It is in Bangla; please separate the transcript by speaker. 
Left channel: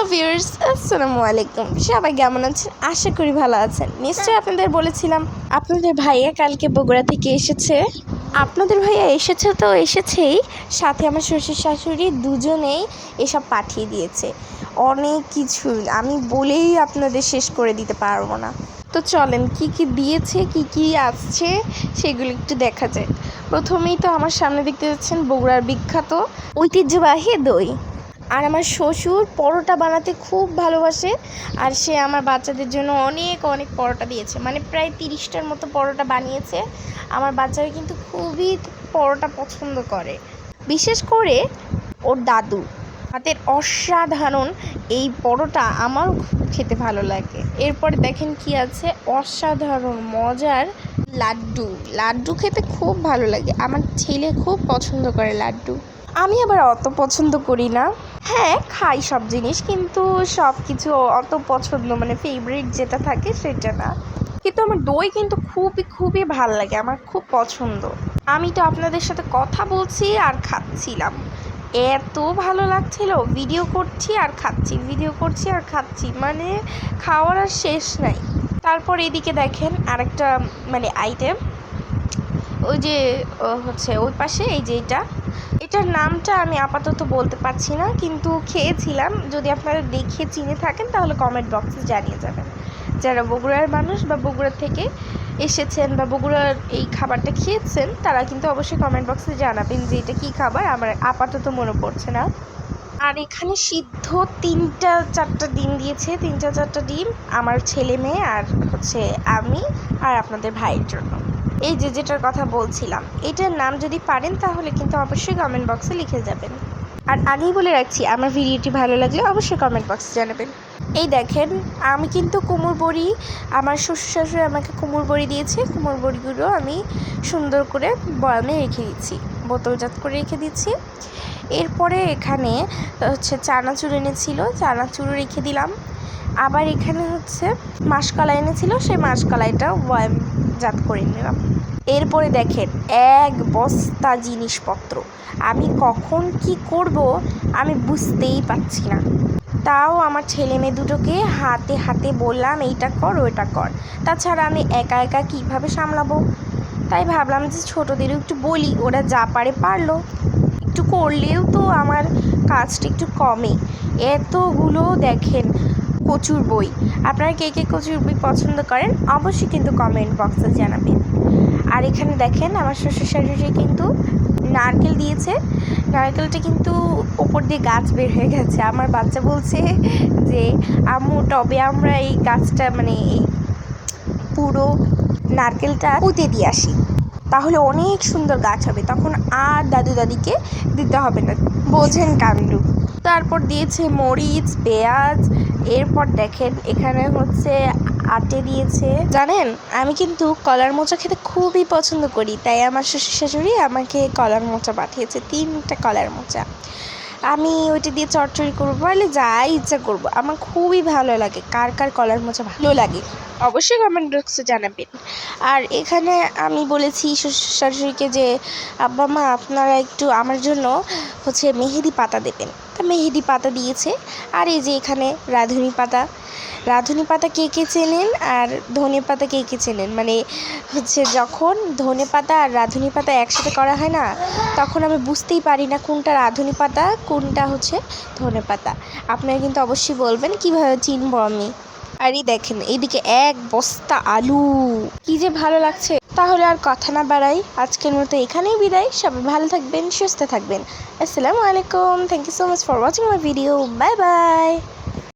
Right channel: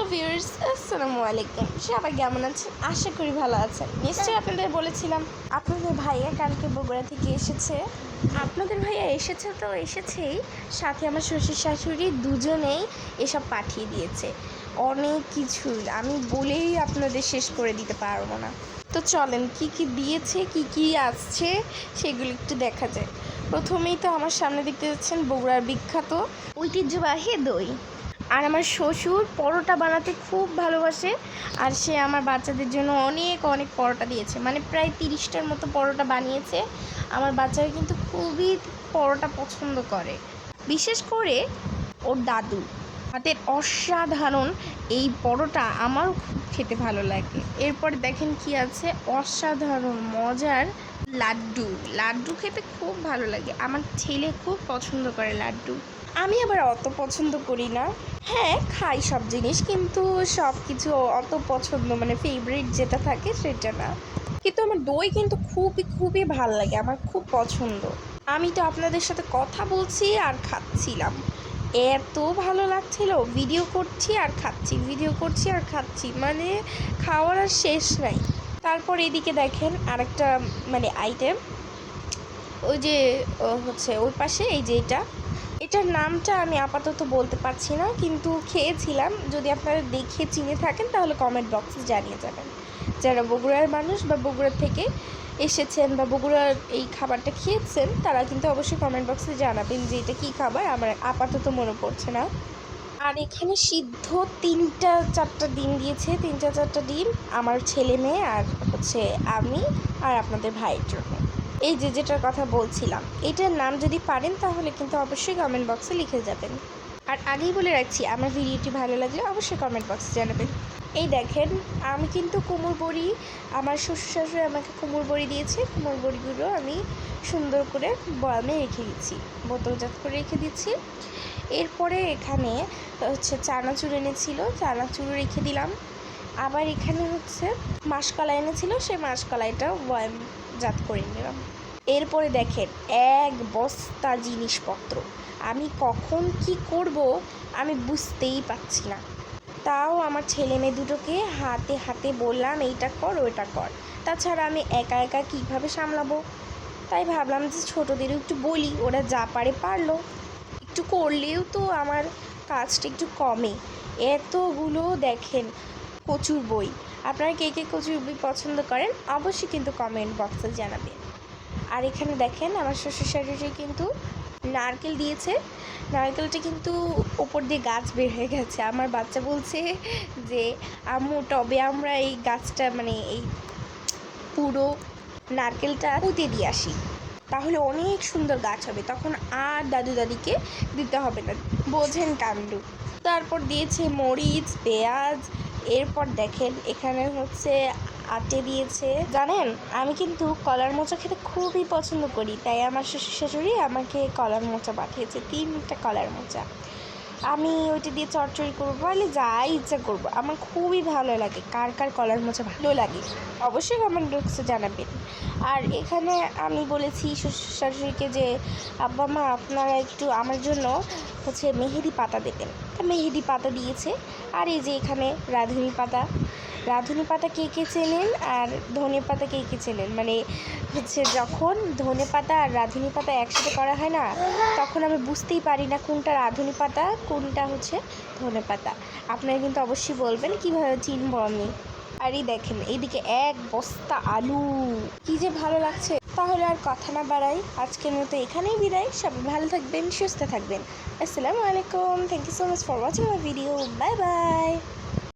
Speaker 1: হ্যালো ভিউয়ার্স আসসালামু আলাইকুম সবাই কেমন আছেন? আশা করি ভালো আছেন। নিশ্চয়ই আপনাদের বলেছিলাম, আপনাদের ভাইয়া কালকে বগুড়া থেকে এসেছে। আপনাদের ভাইয়া এসেছে তো এসেছেই। সাথে আমার শ্বশুর শাশুড়ি দুজনেই এসব পাঠিয়ে দিয়েছে। অনেক কিছু। আমি বলেই আপনাদের শেষ করে দিতে পারব না। তো চলেন, কি কি দিয়েছে, কি কি আসছে, সেগুলো একটু দেখা যায়। প্রথমেই তো আমার সামনে দেখতে যাচ্ছেন বগুড়ার বিখ্যাত ঐতিহ্যবাহী দই। আর আমার শ্বশুর পরোটা বানাতে খুব ভালোবাসে আর সে আমার বাচ্চাদের জন্য অনেক অনেক পরোটা দিয়েছে। মানে প্রায় তিরিশটার মতো পরোটা বানিয়েছে। আমার বাচ্চারা কিন্তু খুবই পরোটা পছন্দ করে। বিশেষ করে ওর দাদু। হাতের অসাধারণ এই পরোটা আমারও খুব খেতে ভালো লাগে। এরপরে দেখেন কি আছে? অসাধারণ, মজার লাড্ডু। লাড্ডু খেতে খুব ভালো লাগে। আমার ছেলে খুব পছন্দ করে লাড্ডু। আমি আবার অত পছন্দ করি না। হ্যাঁ খাই সব জিনিস, কিন্তু সব কিছু অত পছন্দ মানে ফেভারিট যেটা থাকে সেটা না। কিন্তু আমার দই কিন্তু খুবই খুবই ভালো লাগে, আমার খুব পছন্দ। আমি তো আপনাদের সাথে কথা বলছি আর খাচ্ছিলাম। এত ভালো লাগছিল ভিডিও করছি আর খাচ্ছি ভিডিও করছি আর খাচ্ছি মানে খাওয়ার আর শেষ নাই। তারপর এদিকে দেখেন আরেকটা মানে আইটেম ওই যে হচ্ছে ওই পাশে, এই যে এটা। এটার নামটা আমি আপাতত বলতে পারছি না, কিন্তু খেয়েছিলাম। যদি আপনারা দেখে চিনে থাকেন, তাহলে কমেন্ট বক্সে জানিয়ে যাবেন। যারা বগুড়ার মানুষ বা বগুড়া থেকে এসেছেন বা বগুড়ার এই খাবারটা খেয়েছেন, তারা কিন্তু অবশ্যই কমেন্ট বক্সে জানাবেন যে এটা কী খাবার। আমার আপাতত মনে পড়ছে না। আর এখানে সিদ্ধ তিনটা চারটা ডিম দিয়েছে, তিনটা চারটা ডিম। আমার ছেলে মেয়ে আর হচ্ছে আমি আর আপনাদের ভাইয়ের জন্য। এই যে যেটার কথা বলছিলাম, এটার নাম যদি পারেন তাহলে কিন্তু অবশ্যই কমেন্ট বক্সে লিখে যাবেন। আর আগেই বলে রাখছি, আমার ভিডিওটি ভালো লাগলে অবশ্যই কমেন্ট বক্সে জানাবেন। এই দেখেন, আমি কিন্তু কুমড় বড়ি, আমার শ্বশুর শাশুড়ি আমাকে কুমড় বড়ি দিয়েছে। কুমড় বড়িগুলো আমি সুন্দর করে বয়ামে রেখে দিচ্ছি, বোতলজাত করে রেখে দিচ্ছি। এরপরে এখানে হচ্ছে চানাচুর এনেছিল চানাচুর রেখে দিলাম। আবার এখানে হচ্ছে মাসকলাই এনেছিল, সেই মাসকলাইটা বয়াম জাত করে নিলাম। এরপরে দেখেন, এক বস্তা জিনিসপত্র। আমি কখন কি করব আমি বুঝতেই পারছি না। তাও আমার ছেলে মেয়ে দুটোকে হাতে হাতে বললাম, এইটা কর, ওইটা কর। তাছাড়া আমি একা একা কীভাবে সামলাবো? তাই ভাবলাম যে ছোটোদেরও একটু বলি, ওরা যা পারে পারল। একটু করলেও তো আমার কাজটা একটু কমে। এতগুলো দেখেন কচুর বই। আপনারা কে কে কচুর বই পছন্দ করেন, অবশ্যই কিন্তু কমেন্ট বক্সে জানাবেন। আর এখানে দেখেন, আমার শ্বশুর শাশুড়ি কিন্তু নারকেল দিয়েছে। নারকেলটা কিন্তু ওপর দিয়ে গাছ বের হয়ে গেছে। আমার বাচ্চা বলছে যে, আম্মু টবে আমরা এই গাছটা মানে এই পুরো নারকেলটা পুঁতে দিয়ে আসি। তাহলে অনেক সুন্দর গাছ হবে। তখন আর দাদু দাদিকে দিতে হবে না। বোঝেন কাণ্ডু। তারপর দিয়েছে মরিচ, পেঁয়াজ, এরপর দেখেন এখানে হচ্ছে আটে দিয়েছে। জানেন, আমি কিন্তু কলার মোচা খেতে খুবই পছন্দ করি, তাই আমার শ্বশুর শাশুড়ি আমাকে কলার মোচা পাঠিয়েছে, তিনটা কলার মোচা। আমি ওইটা দিয়ে চটচড়ি করব বলে যাই ইচ্ছা করব। আমার খুবই ভালো লাগে, কার কার কলার মোচা ভালো লাগে, অবশ্যই কমেন্ট বক্সে জানাবেন। আর এখানে আমি বলেছি শ্বশুর শাশুড়িকে যে, আব্বা মা, আপনারা একটু আমার জন্য হচ্ছে মেহেদি পাতা দেবেন। তা মেহেদি পাতা দিয়েছে, আর এই যে এখানে রাঁধুনি পাতা রাঁধুনি পাতা কে কে চেনেন আর ধনে পাতা কে কে চেনেন? মানে হচ্ছে যখন ধনে পাতা আর রাঁধুনি পাতা একসাথে করা হয় না, তখন আমি বুঝতেই পারি না কোনটা রাঁধুনি পাতা, কোনটা হচ্ছে ধনে পাতা। আপনারা কিন্তু অবশ্যই বলবেন, কীভাবে চিনবো আমি? আরই দেখেন, এইদিকে এক বস্তা আলু। কি যে ভালো লাগছে। তাহলে আর কথা না বাড়াই, আজকের মতো এখানেই বিদায়। সবাই ভালো থাকবেন, সুস্থ থাকবেন। আসসালামু আলাইকুম। Thank you so much for watching my video bye bye